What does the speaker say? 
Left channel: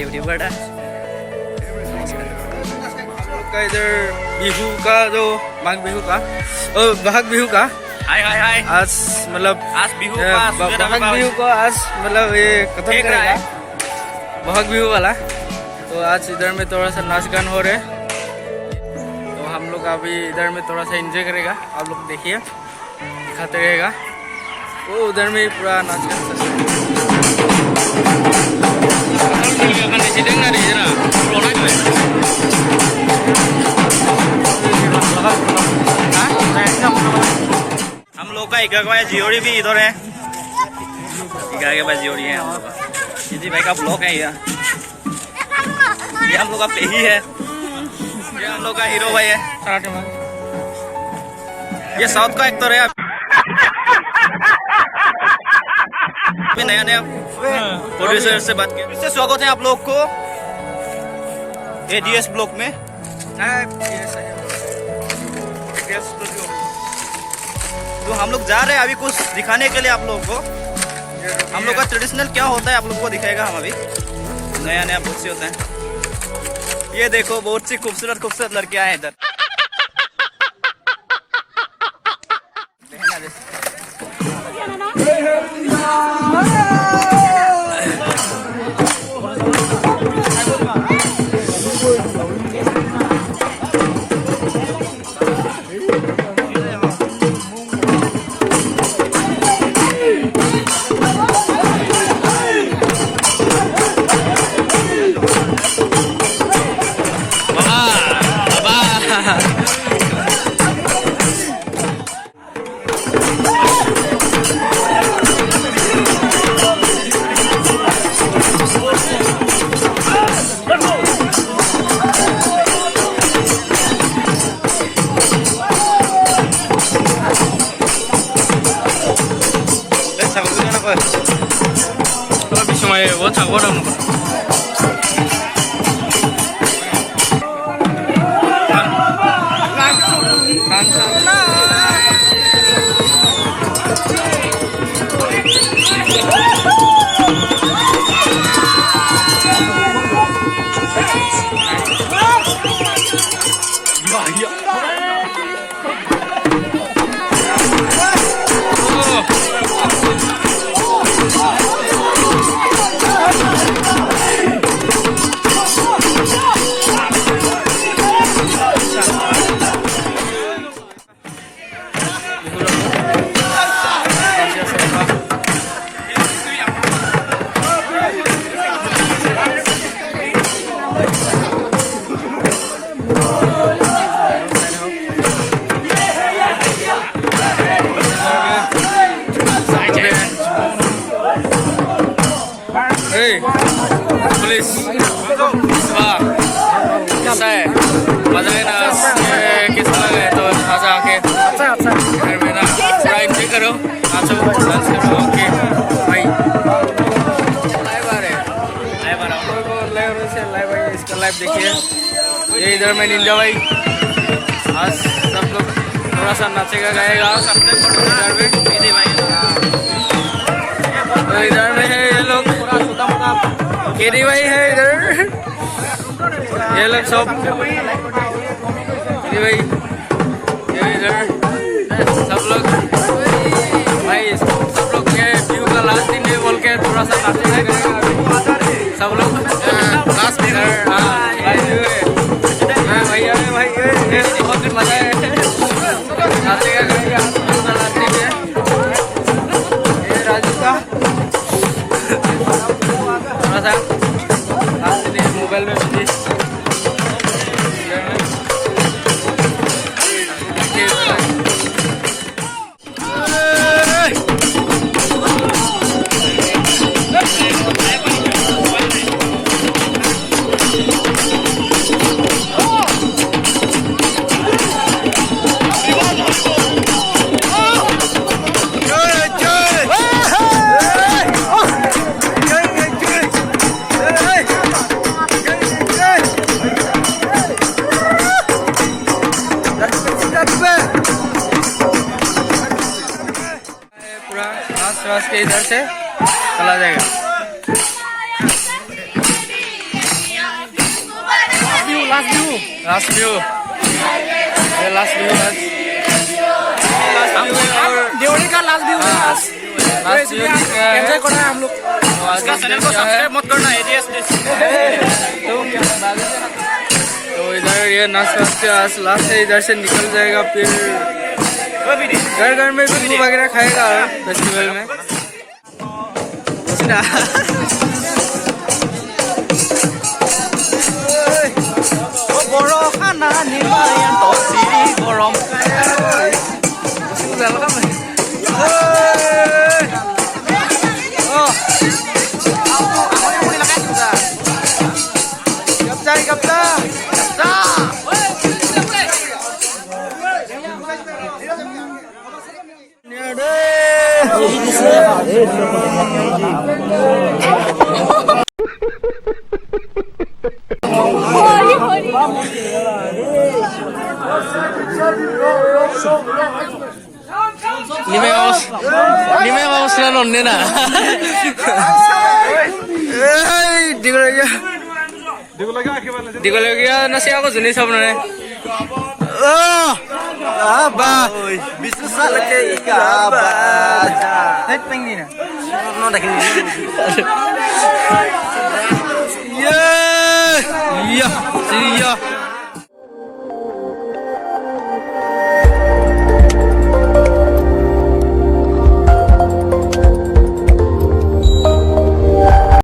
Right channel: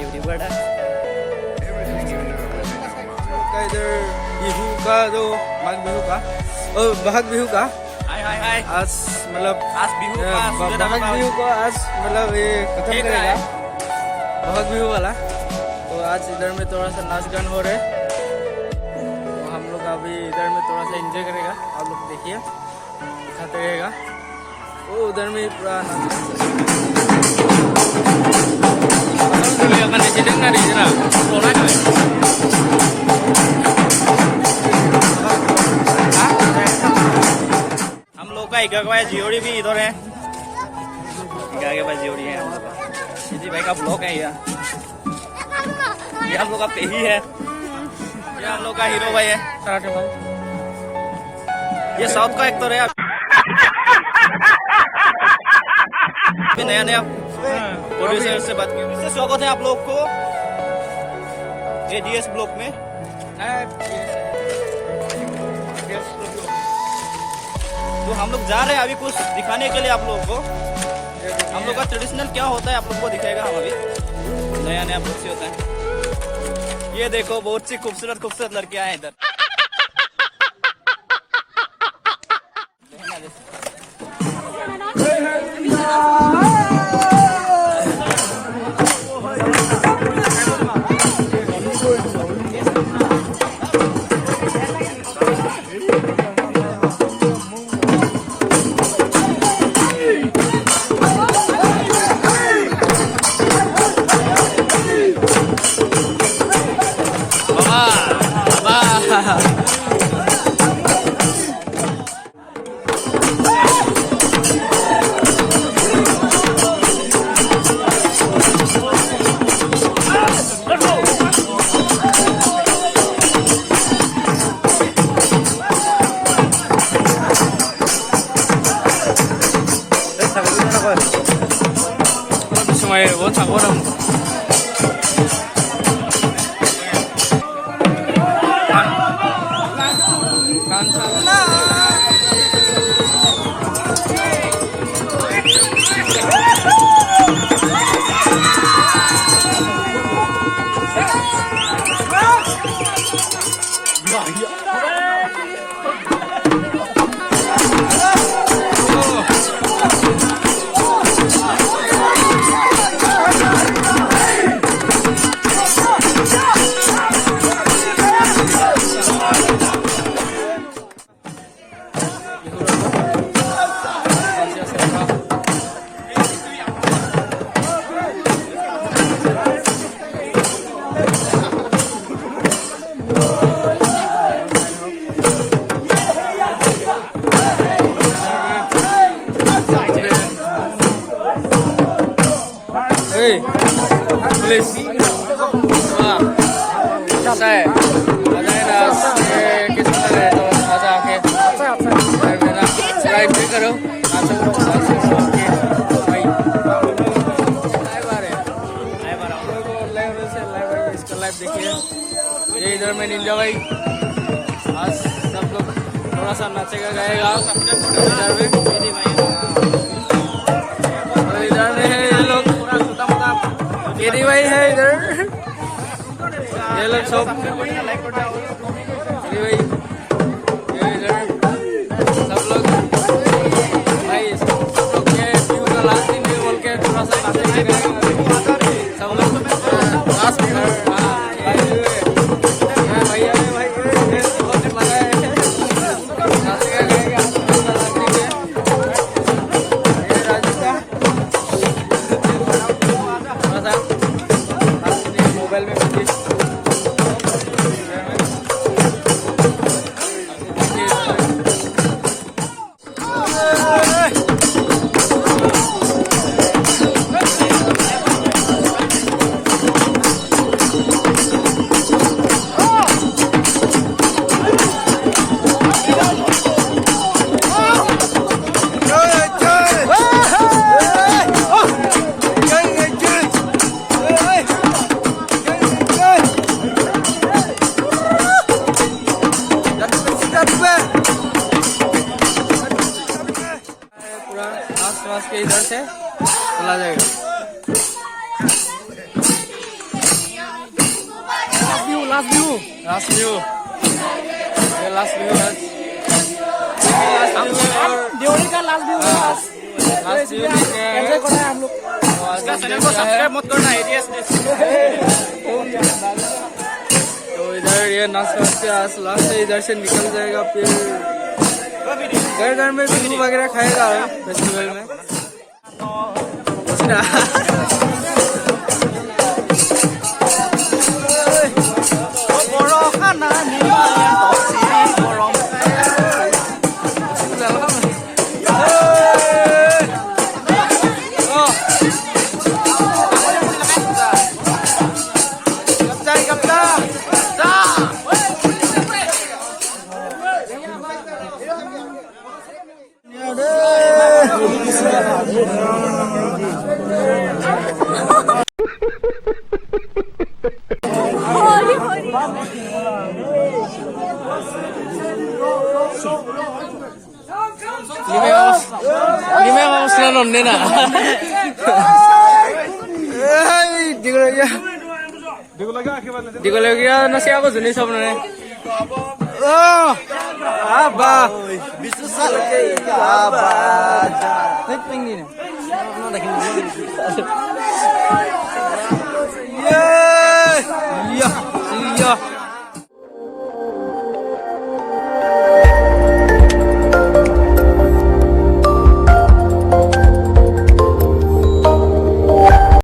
YouTuber है। का इधर बिहू का जो माघ बिहू का बहाग बिहू का हाय हाय हाय आज मतलब आज बिहू बहाग बिहू को आज मतलब ये खत्म करेगा बहाग बिहू वाला। तो आज इधर में थोड़ा सा नाच गान हो रहे, तो हम लोग अभी इधर में थोड़ा सा एंजॉय करेगा। आप लोग देखिए, दिखाते रहेगा। वो उधर में पूरा नाच गान हम लोग का इकागा जियोरी भी इधर है। इकागे भाई जियोरी है हम लोग का। दीदी भाई का ब्लॉग है ये हम लोग का पेही है। ये हम लोग का हीरो भाई है। ये साउथ का एक्टर है। अभी नया नया प्रोड्यूसर से बात की। इससे स्वागत है आप लोग को एडीएस ब्लॉक में। तो हम लोग जा रहे हैं अभी कुछ दिखाने के लिए आप लोगों को। हम लोग का ट्रेडिशनल क्या होता है आप लोगों को दिखाएगा। हम अभी नया नया बहुत से होता है। ये देखो बहुत सी खूबसूरत खूबसूरत लड़कियां हैं इधर। वो थागोरम पुलिस कैसा है? मजा है ना? किस तरह गए तो आजा आके घर में ना थोड़ा एंजॉय करो, नाचो डांस करो। ओके भाई लाइव आ रहे हैं, लाइव आ रहा हूँ को लाइव से लाइव भाई इसका लाइव देखिए। ये इधर में निंजा भाई आज सब लोग थोड़ा सा नाचेगा गाएगा इधर में। तो इधर में है ये लोग केरी भाई है इधर, ये लोग सब केरी भाई ये इधर सब लोग भाई सब लोग ये व्यू का लास्ट दिन है बोल के थोड़ा सा नाचेगा गाएगा सब लोग लास्ट दिन। भैया भाई बहुत मजा है, नाचेगा गाएगा व्यू का लास्ट दिन है। ये राजू का थोड़ा सा लास्ट दिन मोबाइल में बिजी। के इधर से चला जाएगा। लास्ट व्यू, ये लास्ट व्यू है, और देवरी का लास्ट व्यू है आज। लास्ट व्यू एंजॉय करना है हम लोग। इसका चैनल को सब्सक्राइब मत करना, एडीएस तो इधर ये नाश्ता के आज लास्ट है, इधर से निकल जाएगा, फिर घर घर में बिहू वगैरह खाएगा फेस्टिवल में। Lima vamos na nonne na. Digulegya na siya ako juni sab na. Aba bisu salake aba. Tet pengi na. No dakin. Yeah. Yeah.